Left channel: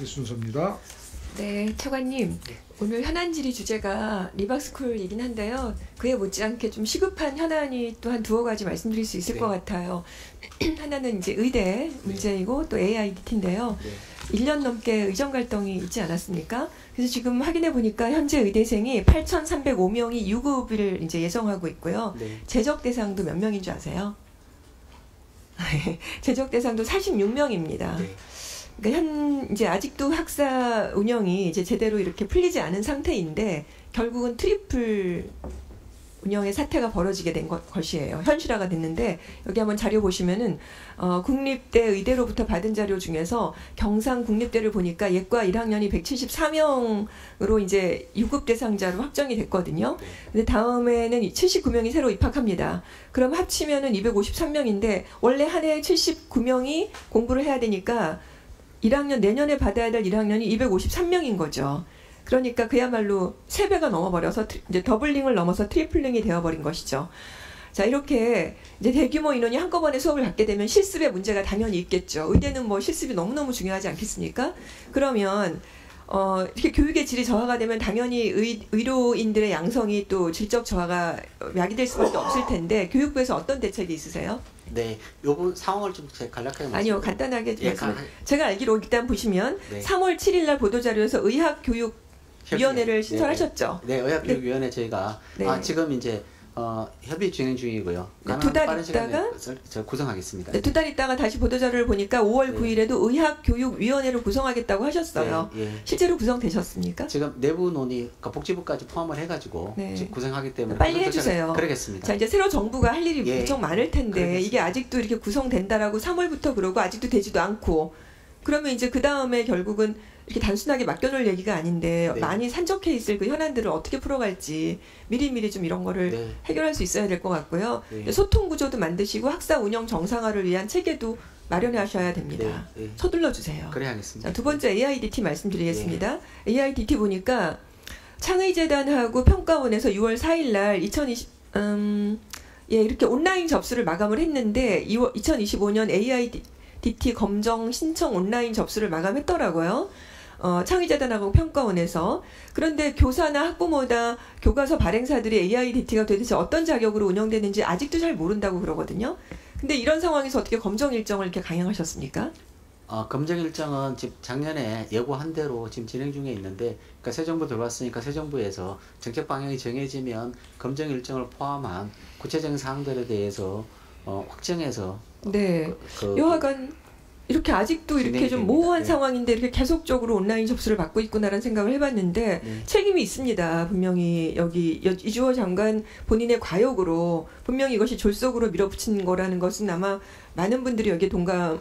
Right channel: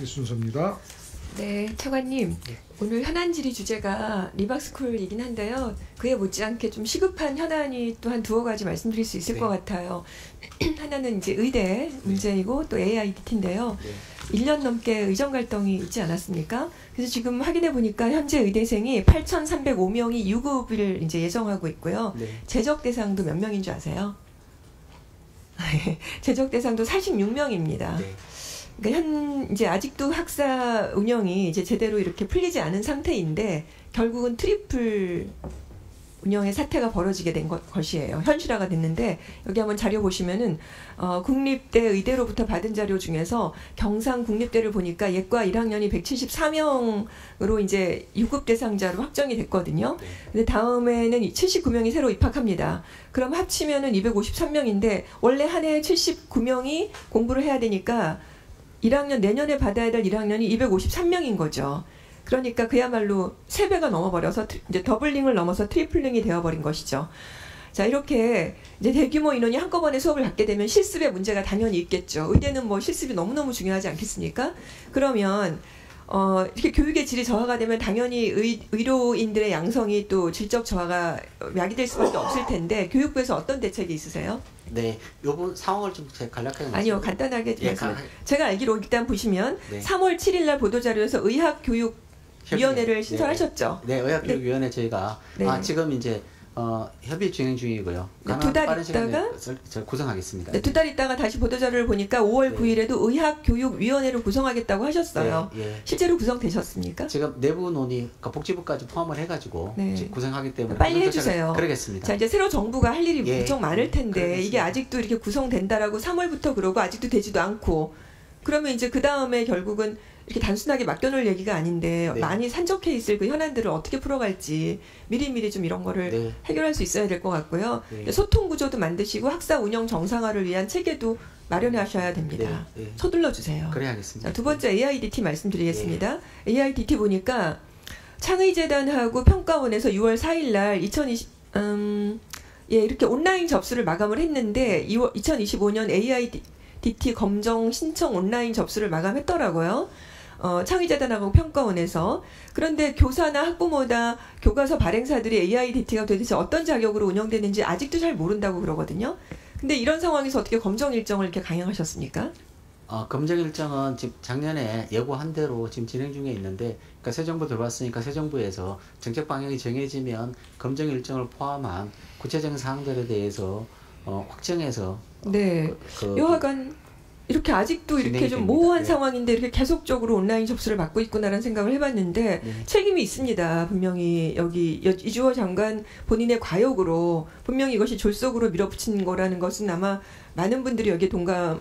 이야기티 순서입니다. 네, 차관님. 네. 오늘 현안질의 주제가 리박스쿨이긴 한데요. 그에 못지않게 좀 시급한 현안이 또 한 두어 가지 말씀드릴 수 있을 네. 것 같아요. 하나는 이제 의대 문제이고 또 AIDT인데요. 네. 1년 넘게 의정 갈등이 있지 않았습니까? 그래서 지금 확인해 보니까 현재 의대생이 8,305명이 유급을 이제 예정하고 있고요. 네. 재적 대상도 몇 명인 줄 아세요? 재적 대상도 46명입니다. 네. 그러니까 이제 아직도 학사 운영이 이제 제대로 이렇게 풀리지 않은 상태인데 결국은 트리플 운영의 사태가 벌어지게 된 것이에요. 현실화가 됐는데 여기 한번 자료 보시면은 국립대 의대로부터 받은 자료 중에서 경상 국립대를 보니까 예과 1학년이 174명으로 이제 유급 대상자로 확정이 됐거든요. 근데 다음에는 79명이 새로 입학합니다. 그럼 합치면은 253명인데 원래 한 해 79명이 공부를 해야 되니까 1학년 내년에 받아야 될 1학년이 253명인 거죠. 그러니까 그야말로 3배가 넘어버려서 이제 더블링을 넘어서 트리플링이 되어버린 것이죠. 자, 이렇게 이제 대규모 인원이 한꺼번에 수업을 받게 되면 실습의 문제가 당연히 있겠죠. 의대는 뭐 실습이 너무너무 중요하지 않겠습니까? 그러면 이렇게 교육의 질이 저하가 되면 당연히 의료인들의 양성이 또 질적 저하가 야기될 수밖에 없을 텐데 교육부에서 어떤 대책이 있으세요? 네, 요번 상황을 좀 간략하게 아니요, 간단하게 말씀. 제가 알기로 일단 보시면 네. 3월 7일 날 보도자료에서 의학교육위원회를 신설하셨죠? 네, 의학교육위원회 저희가 네. 지금 이제 협의 진행 중이고요. 네, 2달 있다가 구성하겠습니다. 네, 2달 있다가 다시 보도자료를 보니까 5월 네. 9일에도 의학교육위원회를 구성하겠다고 하셨어요. 네, 예. 실제로 구성되셨습니까? 지금 내부 논의, 그러니까 복지부까지 포함을 해가지고 네. 지금 구성하기 때문에 빨리 해주세요. 그러겠습니다. 자, 이제 새로 정부가 할 일이 예, 무척 많을 텐데 그러겠습니다. 이게 아직도 이렇게 구성된다라고 3월부터 그러고 아직도 되지도 않고 그러면 이제 그 다음에 결국은 이렇게 단순하게 맡겨놓을 얘기가 아닌데 네. 많이 산적해 있을 그 현안들을 어떻게 풀어갈지 미리미리 좀 이런 거를 네. 해결할 수 있어야 될 것 같고요. 네. 소통 구조도 만드시고 학사 운영 정상화를 위한 체계도 마련해 하셔야 됩니다. 네. 네. 서둘러 주세요. 그래 하겠습니다. 자, 두 번째 AIDT 말씀드리겠습니다. AIDT 보니까 창의재단하고 평가원에서 6월 4일 날 이렇게 온라인 접수를 마감을 했는데 2025년 AIDT 검정 신청 온라인 접수를 마감했더라고요. 창의재단하고 평가원에서. 그런데 교사나 학부모나 교과서 발행사들이 AIDT가 도대체 어떤 자격으로 운영되는지 아직도 잘 모른다고 그러거든요. 근데 이런 상황에서 어떻게 검정 일정을 이렇게 강행하셨습니까? 검정 일정은 지금 작년에 예고한 대로 지금 진행 중에 있는데, 그러니까 새 정부 들어왔으니까 새 정부에서 정책 방향이 정해지면 검정 일정을 포함한 구체적인 사항들에 대해서 확정해서 네. 여하간 이렇게 아직도 이렇게 좀 모호한 상황인데 이렇게 계속적으로 온라인 접수를 받고 있구나라는 생각을 해봤는데 책임이 있습니다. 분명히 여기 이주호 장관 본인의 과욕으로 분명히 이것이 졸속으로 밀어붙인 거라는 것은 아마 많은 분들이 여기에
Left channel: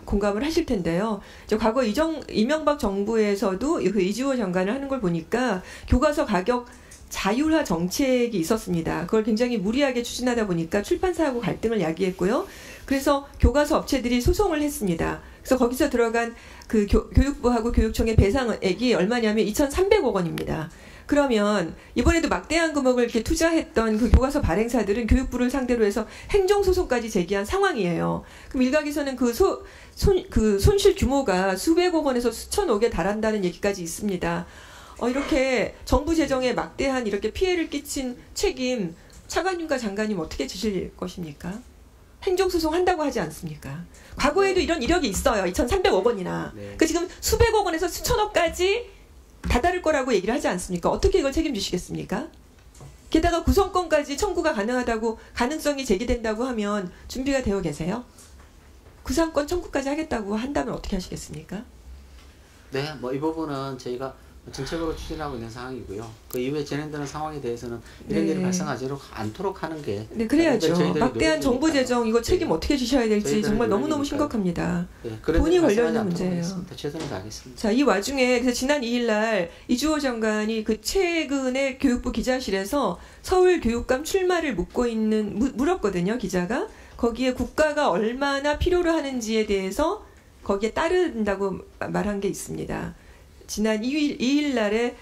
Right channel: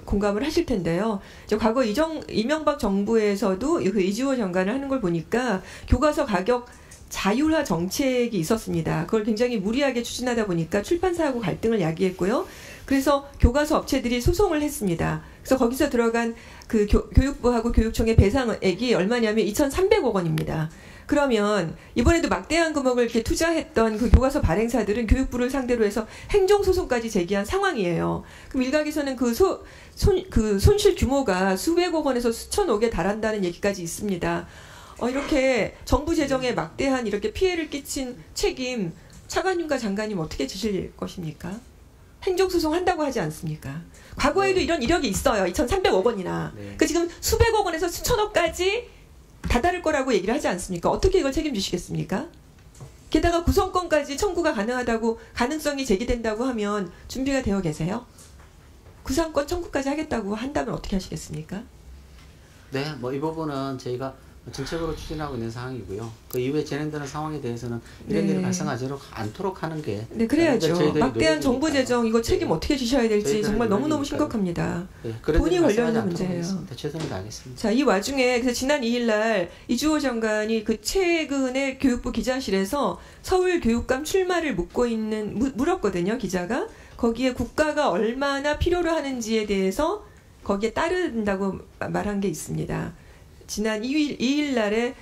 공감을 하실 텐데요. 과거 이명박 정부에서도 그 이주호 장관을 하는 걸 보니까 교과서 가격 자율화 정책이 있었습니다. 그걸 굉장히 무리하게 추진하다 보니까 출판사하고 갈등을 야기했고요. 그래서 교과서 업체들이 소송을 했습니다. 그래서 거기서 들어간 그 교육부하고 교육청의 배상액이 얼마냐면 2,300억 원입니다. 그러면 이번에도 막대한 금액을 이렇게 투자했던 그 교과서 발행사들은 교육부를 상대로 해서 행정소송까지 제기한 상황이에요. 그럼 일각에서는 그 손실 규모가 수백억 원에서 수천억에 달한다는 얘기까지 있습니다. 이렇게 정부 재정에 막대한 이렇게 피해를 끼친 책임 차관님과 장관님 어떻게 지실 것입니까? 행정소송 한다고 하지 않습니까? 과거에도 이런 이력이 있어요. 2,300억 원이나. 네. 그 지금 수백억 원에서 수천억까지 다다를 거라고 얘기를 하지 않습니까? 어떻게 이걸 책임지시겠습니까? 게다가 구성권까지 청구가 가능성이 제기된다고 하면 준비가 되어 계세요? 구상권 청구까지 하겠다고 한다면 어떻게 하시겠습니까? 네, 이 부분은 저희가 정책으로 추진하고 있는 상황이고요. 그 이후에 진행되는 상황에 대해서는 이런 일이 발생하지 않도록 하는 게 네, 그래야죠. 막대한 정부 재정 이거 책임 어떻게 지셔야 될지 정말 너무너무 심각합니다. 네, 돈이 걸려있는 문제예요. 최선을 다하겠습니다. 자, 이 와중에 그래서 지난 2일 날 이주호 장관이 그 최근에 교육부 기자실에서 서울 교육감 출마를 물었거든요. 기자가. 거기에 국가가 얼마나 필요로 하는지에 대해서 거기에 따른다고 말한 게 있습니다. 지난 2일 날에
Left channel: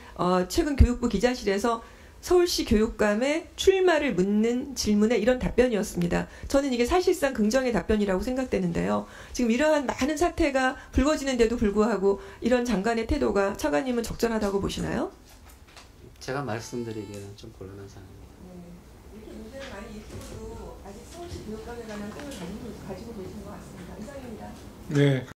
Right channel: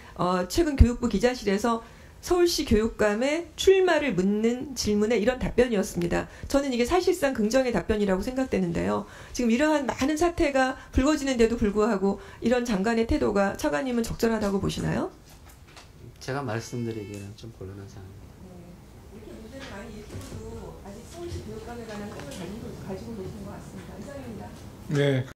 최근 교육부 기자실에서 서울시 교육감의 출마를 묻는 질문에 이런 답변이었습니다. 저는 이게 사실상 긍정의 답변이라고 생각되는데요. 지금 이러한 많은 사태가 불거지는데도 불구하고 이런 장관의 태도가 차관님은 적절하다고 보시나요? 제가 말씀드리기에는 좀 곤란한 상황입니다. 이렇게 문제를 많이 일으켜도 아직 서울시 교육감에 관한 꿈을 가지고 계신 것 같습니다. 이상입니다. 네.